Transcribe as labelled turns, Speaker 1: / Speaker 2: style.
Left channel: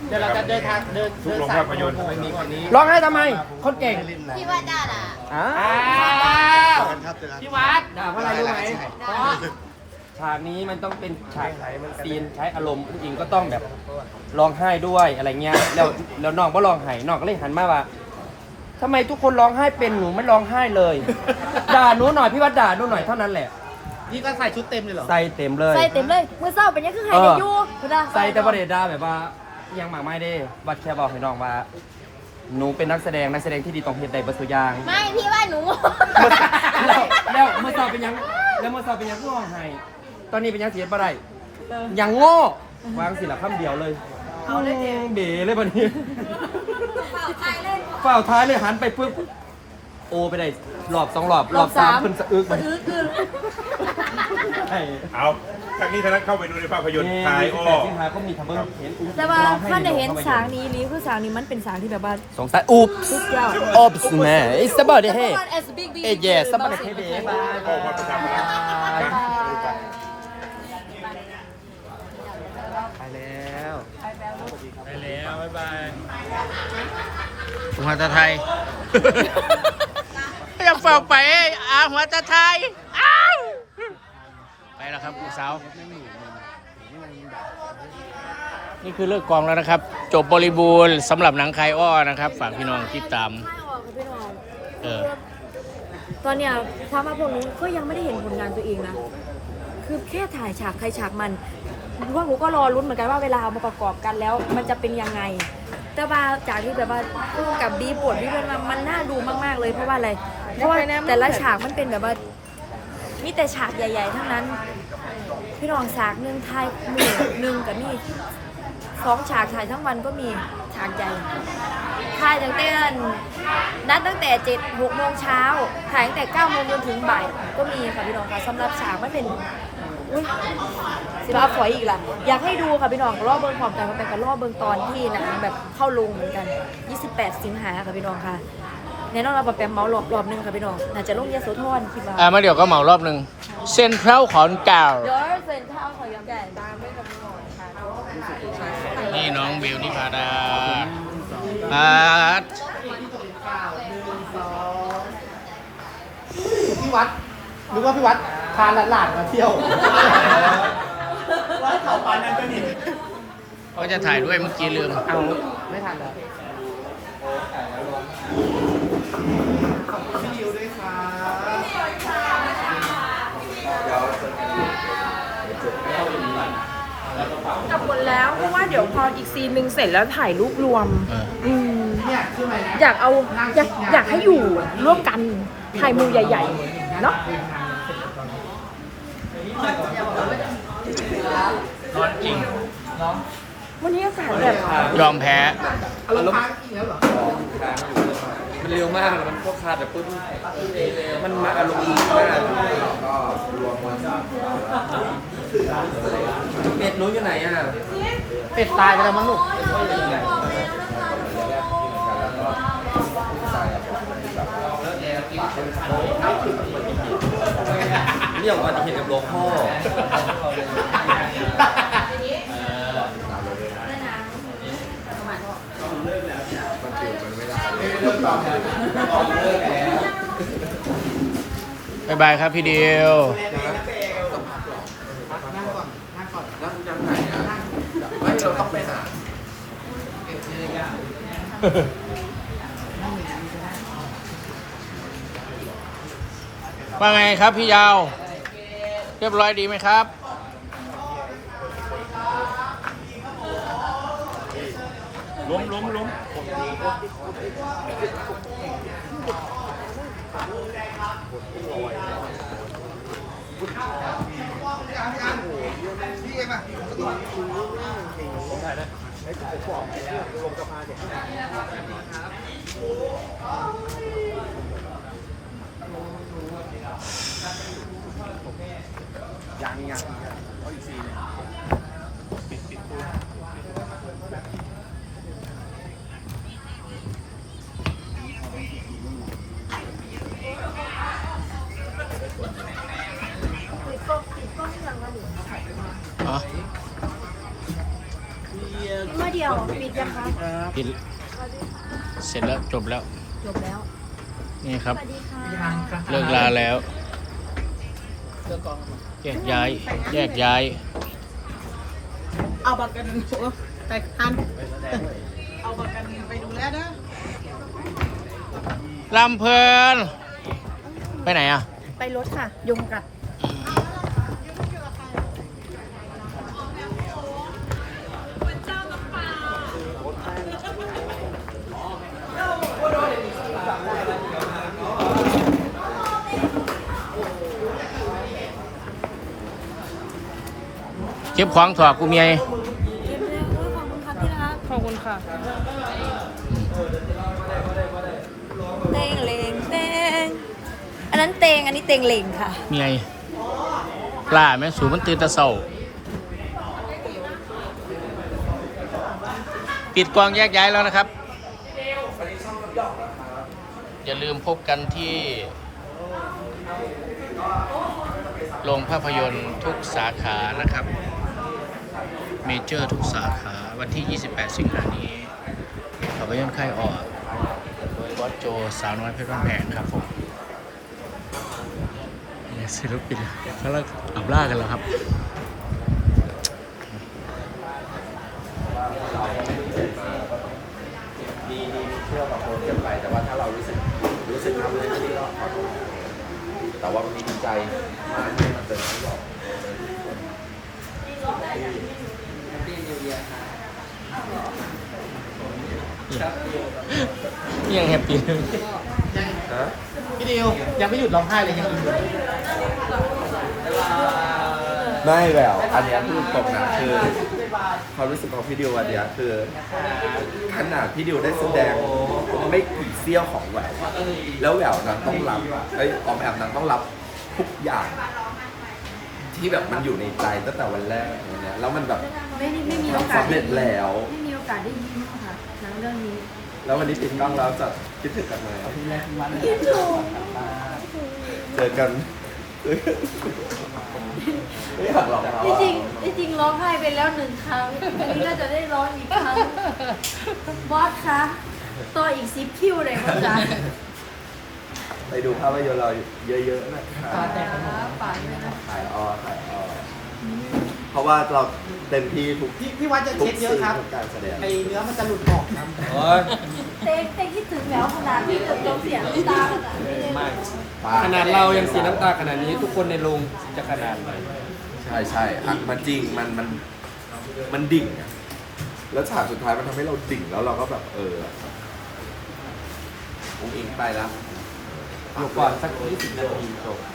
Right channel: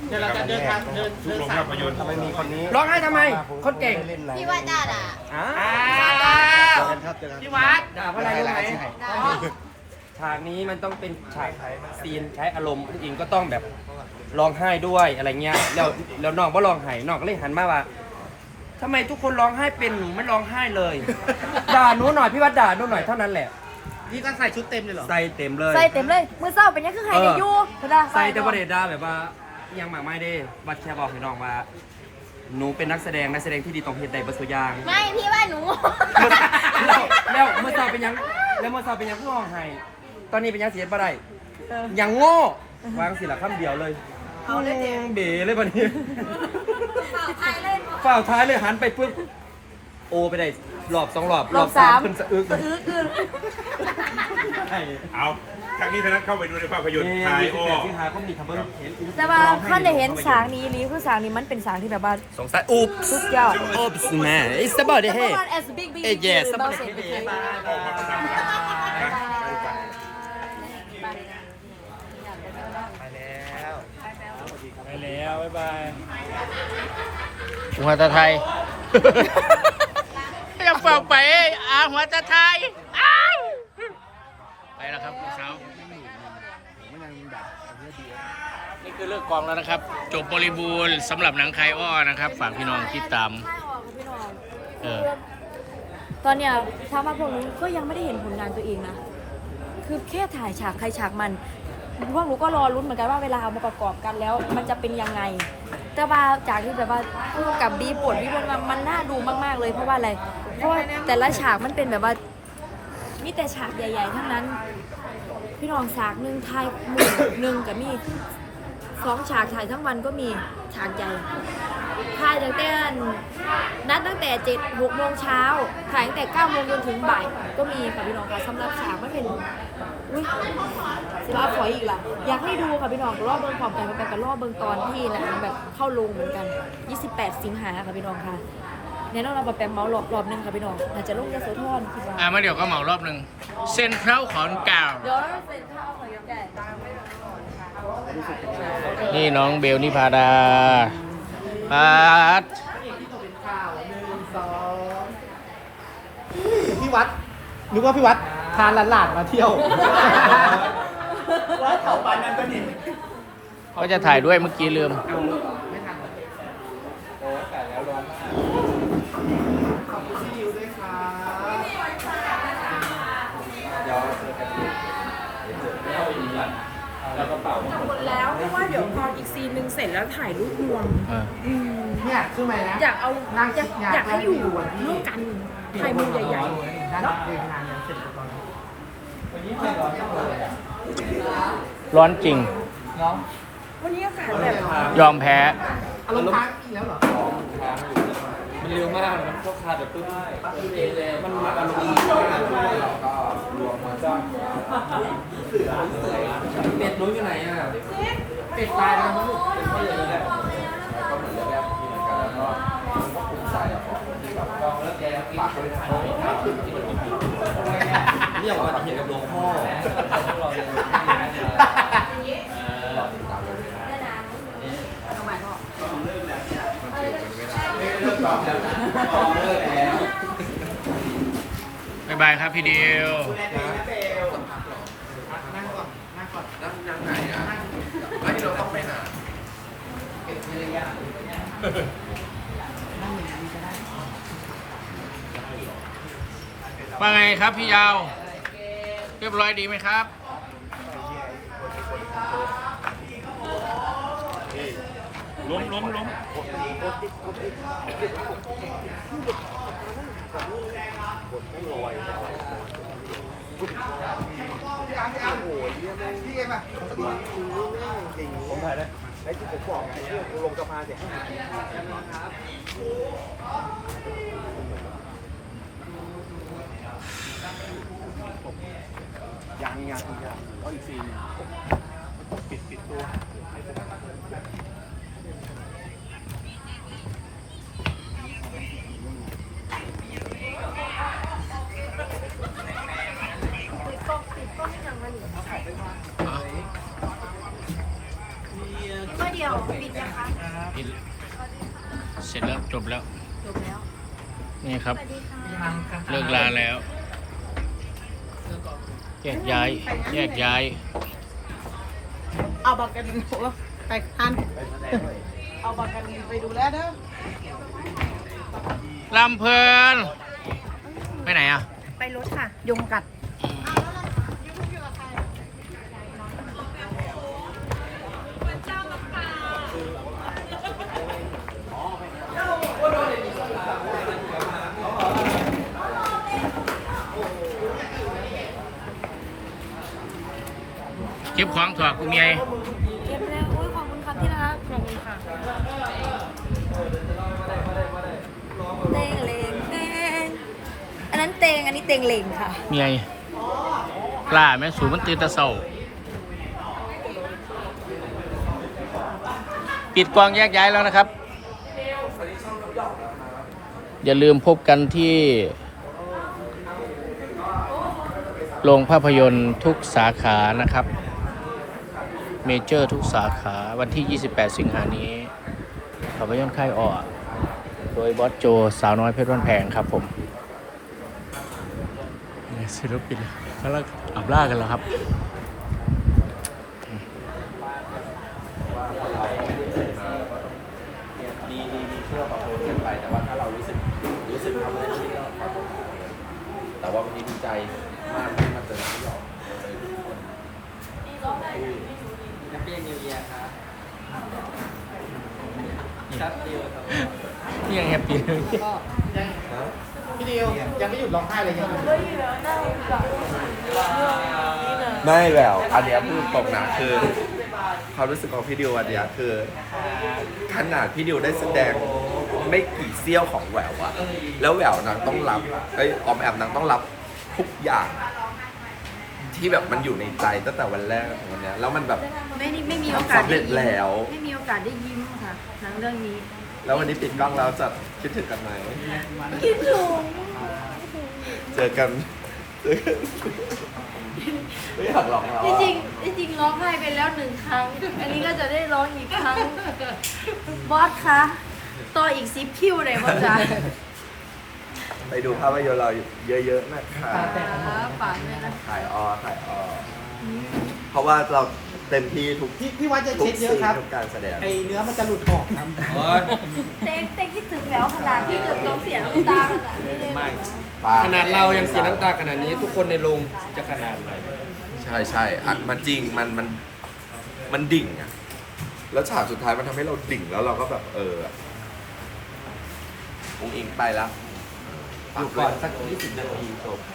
Speaker 1: เดี๋ยวเราจะเดินทางเดิน
Speaker 2: ทุกโรงภาพยนตร์
Speaker 3: ร้องไห้ทำไม คนเก่ง
Speaker 4: พี่ว่าได้ล่ะ
Speaker 3: อ้า
Speaker 1: อ้าวพี่วัด
Speaker 3: ด่าเพราะอะไรรู้ไหม
Speaker 4: เพราะ
Speaker 3: ฉากนี้มันต้องเป็นฉากซีนใช้อารมณ์ผู้หญิงก็ต้องแบบร้องไห้ด้วยอะไรเงี้ยแล้วน้องก็ร้องไห้น้องก็เลยหันมาว่าทำไมทุกคนร้องไห้เป็นหนูไม่ร้องไห้เลย ด่าหนูหน่อยพี่วัดด่าหนูหน่อยเท่านั้นแหละ
Speaker 1: นี่ก็ใส่ชุดเต็มเลยเหรอ
Speaker 3: ใส่เต็มเลย
Speaker 4: ใส่เต็มเลยมือเศร้าเป็นยังคือไฮเดยูคุณอา
Speaker 3: ใส่แต่ประเด็นด่าแบบว่ายังหมากไม่ได้วัดแค่บอกให้น้องว่าหนูเป็นนักแสดงที่ดีต้องเฮ็ดได้ประสุอยาง
Speaker 4: ไม่พี่ว่าหนู
Speaker 3: แล้วเมื่อสอบเป็นยังแล้วเมื่อสอบเป็นยังผู้ร้องไห้ตอนนี้เป็นยังเสียบ่ได้ยังโง่วางสิละคำเดียวเลยเอาเลยเจ๋งเบ๋เลยบัดนี้ฝ่าวท้ายเลยหันไปปุ๊บโอไปได้รอบ2 รอบรอบ3ขึ้นสะอึกใช่
Speaker 2: เอาทางนี้ทางนั้นเข้าไปดูในภาพยนตร์ทายอ้อ
Speaker 3: ที่หาเขามีทำเบิ้งเห็น
Speaker 4: แต่ว่าท่านได้เห็นสางนี้ลีคือสางนี้มันเป็นสางที่แบบว่า
Speaker 3: สงสัยอุ๊บ
Speaker 4: สุดยอด
Speaker 3: อุ๊บสแม่ it's about the head เอ้ย yes about the head
Speaker 2: ออกมาประจำกันนะดูกัน
Speaker 1: หัวตะไทยยังเฝ้าไปหัวตะไทยไปแล้วครับลูกสาวนี่คือเลิกกองแล้วนะครับ จบบริบูรณ์สำหรับหนังคายอ้อนะครับฝากพี่น้องติดตาม
Speaker 4: ตอนเนี้ยถามว่าพวกนู้นก็ยังไม่ได้เห็นผลงานตัวเองนะ คือแค่ถ่ายฉากใครฉากมันพวกหนูก็รอรุ้นเหมือนกันว่าเวลาเอามาประกอบกันแล้วมันจะเป็นยังไง แต่ว่าจากที่แบบว่าพูดกับบีบทที่มันน่าดูมากๆเลยเพราะว่าอะไร เพราะว่าแต่ละฉากมันเป็นแบบว่ามีแต่ฉากใหญ่ๆทั้งนั้น พี่น้องฉากหนึ่งไทยมือหนึ่งกับมี2 ฉากถ่ายทั้งวันก็มีฉากใหญ่ถ่ายตั้งแต่นัดตั้งแต่7-6 โมงเช้าถ่ายตั้งแต่9 โมงจนถึงบ่ายก็มีค่ะพี่น้องค่ะสำหรับฉากไม่เป็นอุ้ยสิบ้าฝอยอีกล่ะอยากให้ดูค่ะพี่น้องรอบเบิ้งพร้อมกันไปกับรอบเบิ้งตอนที่หนังแบบเข้าโรงเหมือนกัน28 สิงหาค่ะพี่น้องค่ะแน่นอนเราแปมเมารอบนึงค่ะพี่น้องน่าจะลงยโสธรคิดว่า
Speaker 1: มาเดี๋ยวก็เหมารอบหนึ่งเส้นเพล้าขอนแก่ว
Speaker 4: เดี๋ยวเซ็นเท่าของยังไง
Speaker 1: นี่น้องเบลนิพาดาปาดพี่วัดนึกว่าพี่วัดพาหลานมาเที่ยววัดเขาปานนั้นก็นี่ก็จะถ่ายด้วยเมื่อกี้ลืมไม่ทันแล้วขอบคุณพี่ยิวด้วยครับ
Speaker 5: กลับหมดแล้วเพราะว่าเดี๋ยวพออีกซีนหนึ่งเสร็จแล้วถ่ายรูปรวม
Speaker 1: เนี่ยคือไหมนะ
Speaker 5: อยากเอาอยากให้อยู่ร่วมกันถ่ายมือใหญ่ๆเนาะ
Speaker 1: ร้อนจริง
Speaker 5: วันนี้อากาศแบบ
Speaker 1: ยอมแพ้
Speaker 3: อารมณ์ค้างอีกแล้วเหรอมันเร็วมากมันพวกคาดแบบปุ๊บมันมาอารมณ์ดีมากก็รวมมันเป็ดนู้นอยู่ไหนอ่ะ
Speaker 1: เป็ดตายไปแล้วมั้งลูก
Speaker 3: เรื่องอุบัติเหตุกับหลวงพ่อ
Speaker 1: บ๊ายบายครับพี่เดียวว่าไงครับพี่ยาวเรียบร้อยดีไหมครับ
Speaker 2: ล้ม
Speaker 4: เมื่อเดียวแล้วปิดยังคะ
Speaker 1: ปิดเสร็จแล้วจบแล้ว
Speaker 4: จบแล้ว
Speaker 1: นี่ครับ
Speaker 4: สวัสดีค่ะ
Speaker 1: เลิกลาแล้ว แยกย้าย แยกย้าย
Speaker 6: เอาบัตรกันไปอันเอาบัตรกันไปดูแลนะ
Speaker 1: ลำเพลิน ไปไหนอ่ะ
Speaker 5: ไปรถค่ะ ยุงกัด
Speaker 1: เก็บของถอดกูเมีย
Speaker 4: เก็บแล้วโอ้ยขอบคุณครับที่รักขอบคุณค่ะเตงเลงเตงอันนั้นเตงอันนี้เตงเลงค่ะ
Speaker 1: เมียปลาแม่สูมันตื่นแตะเศร้าปิดกองแยกย้ายแล้วนะครับ อย่าลืมพบกันที่โรงภาพยนตร์ทุกสาขานะครับ เมเจอร์ทุกสาขาวันที่ 28 สิงหานี้ภาพยนตร์ค่ายออกโดยบอสโจสาวน้อยเพชรบ้านแพงครับผมนี่ศิลปินเขาเลิกอับล่ากันแล้วครับ
Speaker 3: ดีเชื่อกับโอนกันไป แต่ว่าถ้าเรารู้สึกทำอะไรไม่ดีก็ขอโทษแต่ว่าวันนี้ดีใจมากที่มาเจอพี่หยอกเจอทุกคนแฮปปี้นิวเยียร์ครับครับเดียวครับ
Speaker 1: นี่ยังแฮปปี้เลย
Speaker 3: นะ
Speaker 6: พี่ดิวยังไม่หยุดร้องไห้เลยครับ
Speaker 3: ไม่แววอันเนี้ยพูดตรงนะคือความรู้สึกของพี่ดิวอันเนี้ยคือขนาดพี่ดิวได้แสดงไม่กี่เสี้ยวของแหววอะแล้วแหววนางต้องรับออมแอมนางต้องรับทุกอย่าง ที่แบบมันอยู่ในใจตั้งแต่วันแรกถึงวันเนี้ยแล้วมันแบบ
Speaker 4: ไม่มีโอกาส
Speaker 3: สำเร็จแล้ว
Speaker 4: ไม่มีโอกาสได้ยิ้มค่ะหนังเรื่องนี้
Speaker 3: แล้ววันนี้ปิดกล้องแล้วจะคิดถึงกันไหม
Speaker 4: คิดถึง
Speaker 3: เจอกันไม่อยากหลอกเรา
Speaker 4: จริงร้องไห้ไปแล้ว1 ครั้ง อันนี้ก็จะได้ร้องอีกครั้ง บอสคะต่ออีก10 คิวเลยบอสจ๋า
Speaker 3: ไปดูภาพยนตร์เราเยอะๆนะคะ
Speaker 4: ป่านเลยนะ
Speaker 3: ถ่ายอเพราะว่าเราเต็มที่ทุก
Speaker 6: พี่วัดจะ
Speaker 3: ทุก
Speaker 6: เช็ดเย
Speaker 3: ซี
Speaker 6: อะ
Speaker 3: น
Speaker 6: ครับ
Speaker 3: ทุกการแสดง
Speaker 6: ไอเนื้อมันจะหลุดออกครับ
Speaker 3: โอ้ย
Speaker 4: เต้คิดถึงแล้วขนาดที่เกิดต้องเสียน้ำตาขนาดนี้เลย
Speaker 3: ไม่
Speaker 7: ขนาดเรายังเสียน้ำตาขนาดนี้ทุกคนในโรงจะขนาดไหน
Speaker 3: ใช่อ่ะมันจริงมันดิ่งอ่ะแล้วฉากสุดท้ายมันทำให้เราดิ่งแล้วเราก็แบบองค์อิงไปแล้ว
Speaker 7: อยู่ก่อนสัก20 นาทีจบ